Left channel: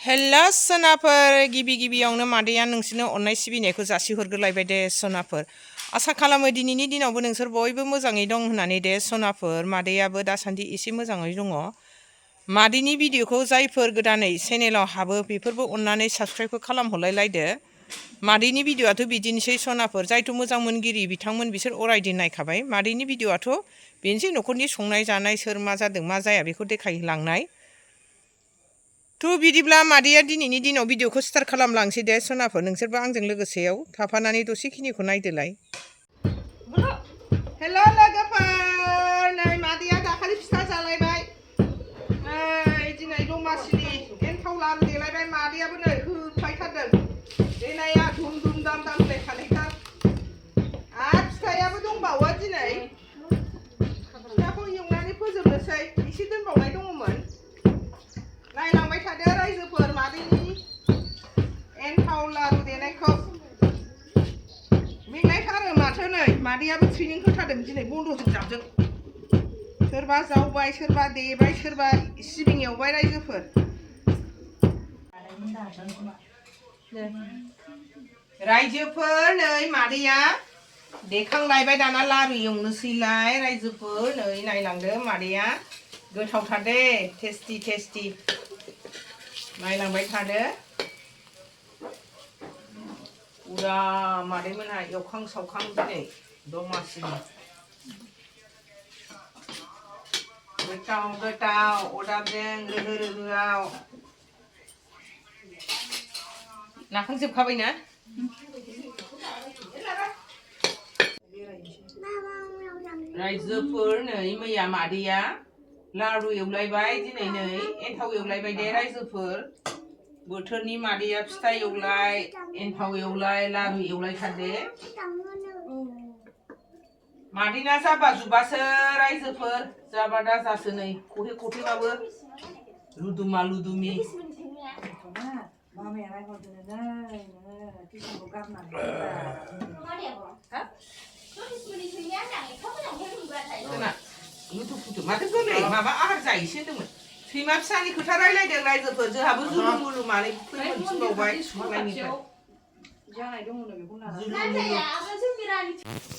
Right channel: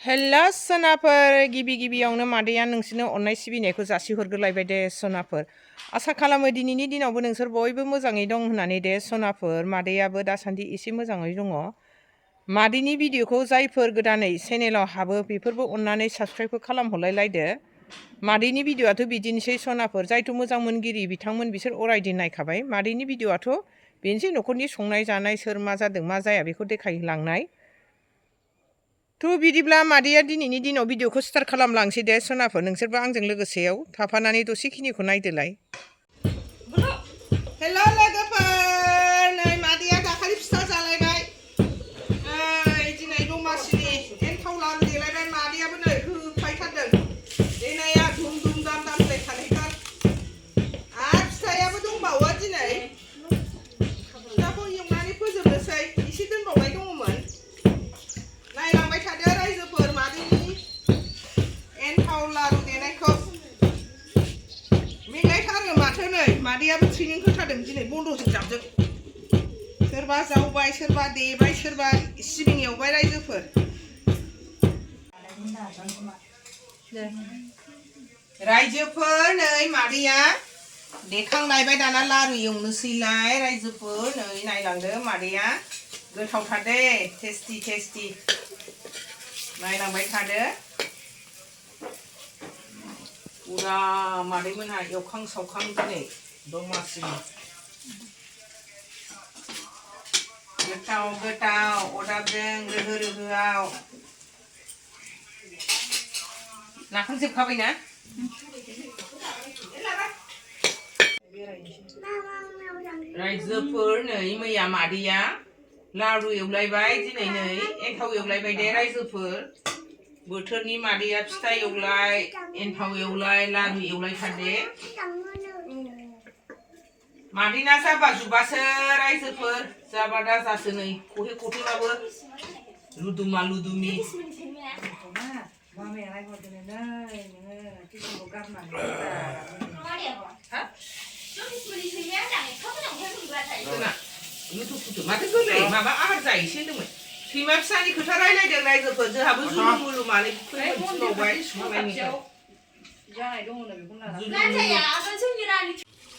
हेल्ला सोनाफोर गिबि गिबियावनो मादैया नोंसोरनो अननाय सिबिनायखौ जासिहरग्रोलायबाय दे सोनाफोर। आसा खालामो दिनैनि दिनावबो नोंसोर बयबो मोजाङै दं होननानै दे सोनाफोर। मादैयाबो दासान्दि एसे मोजाङै दङ। मादैनि भिडिअखौ जायफोर गोदानै चेनेलाव हाबो बेफोरबो अननानै साबस्क्राइबबो खालामहरलायलायदो। मादैनि भिडिअआथ' बिदिनोसै सोनाफोर, जायथ' मोजां मोनगिरि बिथांमोन बिसोर अरायदिन नायखाबाय। मादैनि भिडिअआथ' बेनोसै न'खरनि संनाय जानाय, सोर मा जादों मा जाया बेखौ देखायलांनाय। थ' बिदिब्ला मादैया दिनैनि दिनाव भिडिअखौ स्टार्ट खालामलांसै दे सोनाफोर। नोंसोरबो आंजों लोगोसेयाव थाफानानै दसेखिनिखौ नायदोलाय। हेल' लोगोफोर, नै मादैया दाखालि फिथा जालायबाय। नै दिनै दमासिनि एन्थाव लारु देलायबाय। मादैयाबो नै होफायथारदों। देनाया धुम धुम दाम दाम होलायखानायथार। आरो फिथायाबो दंबावो दिनै। फिथाखौ एवनानै फोजोबनोसै, एसे दोनबावनाय दङमोन। नायलांबाय थादो रायजोफोर मादैनि एन्थाव लारु देनायखौ। मेंलायथारो माथो नै मादैयाबो ट्रेनिं होथारदों दिनै बन्द'जों जाबजों। सोरबा जावबाय, सोरबा देबाय, सोरबा सिबिं एवबाय रायजोफोर। रायजोफोर नै मादैया देखांलायबाय, दाना लारु एवनोसैलाय रायजोफोर। नै नायलांदो मादैया गोथावथार दे, टेस्टि टेस्टि। नायलांबाय थादो। उरा मादैमोनहा एवखां सावखां दिनै दमासिनि। गोथाव गोथाव अरदाबजों रोहो रोहोआव। लाखांजोबखाबायना? रायजोफोर नै मैया मादैया लारु एवलायबाय, दिनै नै एन्थाव एवलायबाय दे रायजोफोर। बोथोरनि मादैया फिथा एवलाय, एन्थाव एवलाय, लारु एवलायथार दे। मादैना जाबा जुबासो रायजोफोर, जाबा दाजासो नै खहे खथेबाबो लुदुमा लुदुमि। माथो गोरलै माबा आहार जायोसो होनदोंमोन। सैमा फिसानि खोथा रायलायदों रायजोफोर, जोंहाबो जुलुम मुलुमानो फैनो थिनबावबाय मालायनिफ्राय।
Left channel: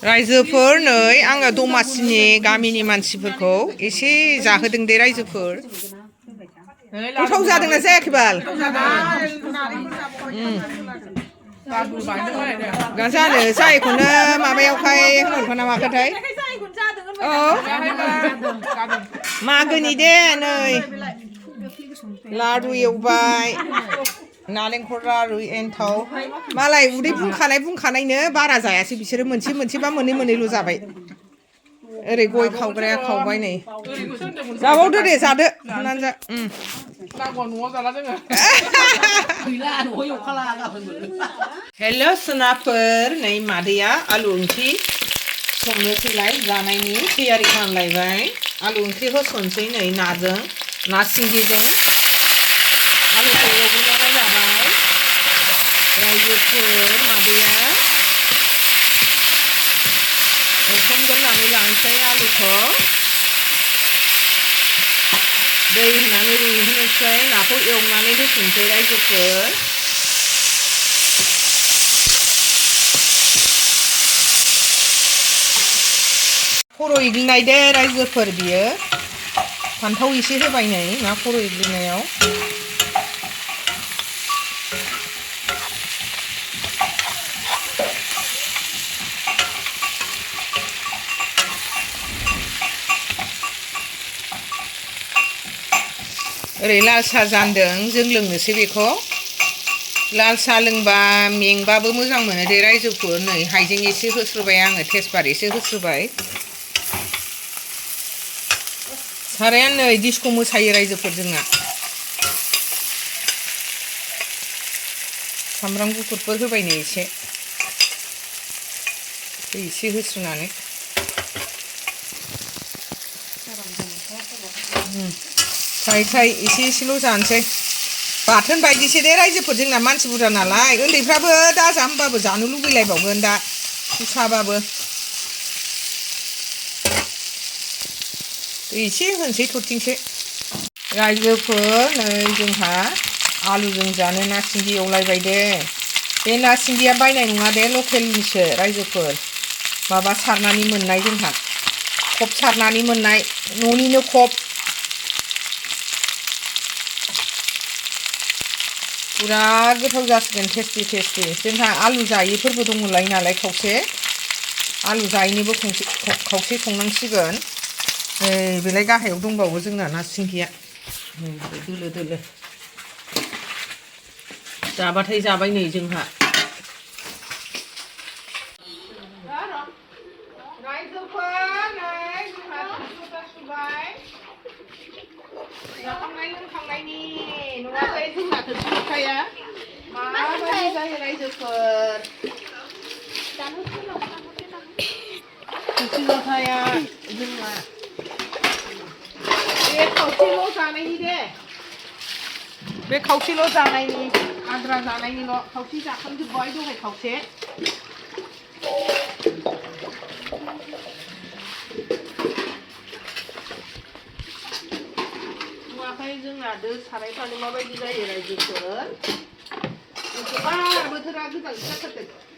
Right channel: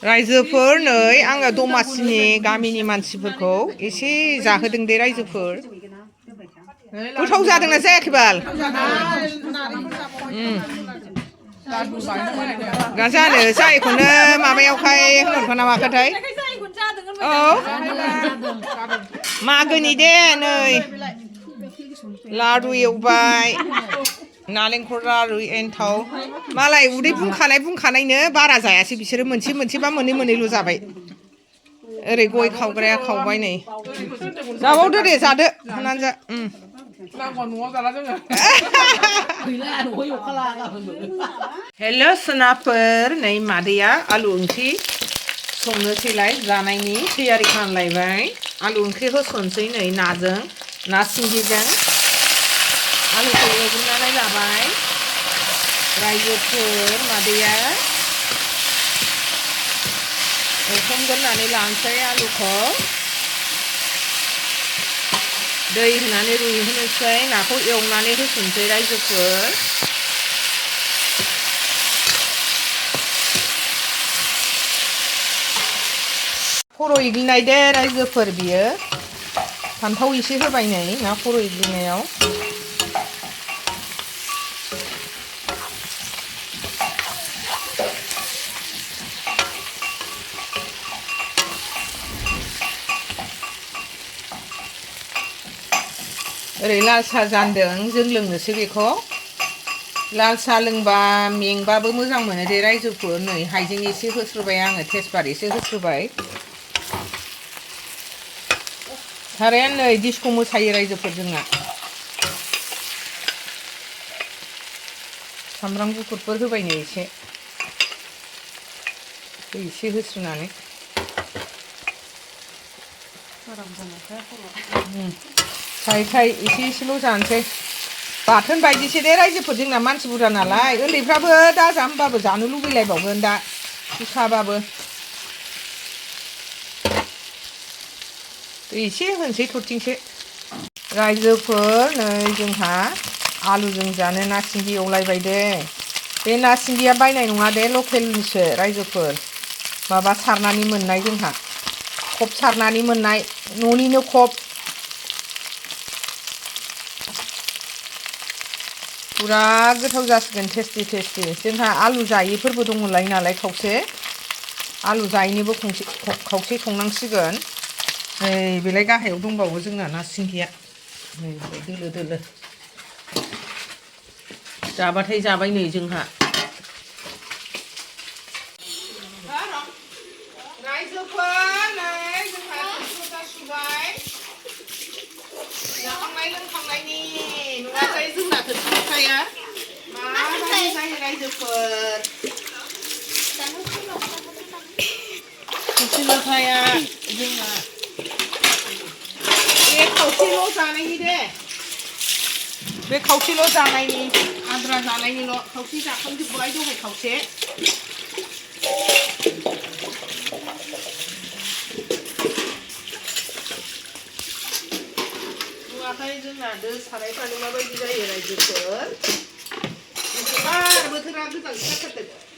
रायजोफोर नै आङो दमासिनि गामिनि मानसिफोरखौ एसे जाहोदों दे रायजोफोर। गोथाव जादोंना जायाखै बाल? जानो जायखौनो माबायावहाय होनहरखोना माखोथाय। औ मागोनि दे नै लारु एवबाय, नालेंखर लारु एन्थाव। मालाय उदै बुंखानायनो बारा जायासै बिसोरो, मोनसे मोनसेबा मोननै मोननैल' जाबाय। ओरै गय खावग्राया खावबाय नै। जाबावदो दे, जादो होननानै जा। हेल' सोनाफोर, नै मादैया आलु ओंख्रि संनोसैलाय, जानायनि थियारि खालामलायबाय। आलु ओंख्रि होसनसै नै नाजों, ना सिंगिजों। आलुखौ एवग्रोनानै लाबाय रायजोफोर। मादैया एवफ्रामग्रोनानै लानोसै आलुखौ। दै होनानै रुइहोनोसै, नाखौ एवनानै होसनसै रायजोफोर। खर' एग्लिनाय दे रायजोफोर बियो। फान्थाव एसे होबाय नै ना खर' एग्लिनायाव। ओरै लाल साहा जानदों, जों लोंनोसै बेखौ। लाल साहा लोंबा मेंबाबो मोजां मोनो दे रायजोफोर। नै हाइजें एसे होस्रोबाय आङो, तेजपात एसे होस्रोबाय। साराया नै डिस्क' मोसायो रायजोफोर जोंना। सामब्राम गुफुरफोर होबाय नै एसे, दै एसे होस्रोनानै। थाय एसे एसेल' जानोसै। बाथोन बायदिसो दे रायजोफोर, जोंना मानसि बुरजा नालाय। उन्दैफ्राबो दाजा होनबाबो जानो लुबैलायबावगोन दा फिसाबाबो। एसे होनोसै थरथिंसे। रायजोफोर नै जोंहा आलुजों जानो ना सिंगि एवलायबाय दे बे ना सिंगिया बायनाय नङा दे लकेलनिसो रायजोफोर माबा सारनानै मोननाय जोंहा खब सारनानै मोननाय न'निनो खब पुरा गोथाव जासिगोन टेस्टि टेस्टि जोंहा आलु जायैफोरबो दङलाय नालाय खावसे आलु जायैनिबो खावसे संनांसिगोन नै बेलाय गाहायाव दंबावो जोंना ना सिंगिया दोलो दोलो जाबाथाय जाबाय नै जोंहा जाखांनाय लोंखांनायनि नङाथाय जोंना थोरसि लथाया माबायदि जायो रायजोफोर थोरसि लथाया जोंना बे खावसेल' जानायनि दे बे खावसेल' जानायनि आद्रा जानायनिल' खावसे जाखांजोब्बाय दहाय खावसे नुवाखै जोंना दो सारायफ्रानो माबायदि जायो रायजोफोर बोथोरा गोजां जाथारदों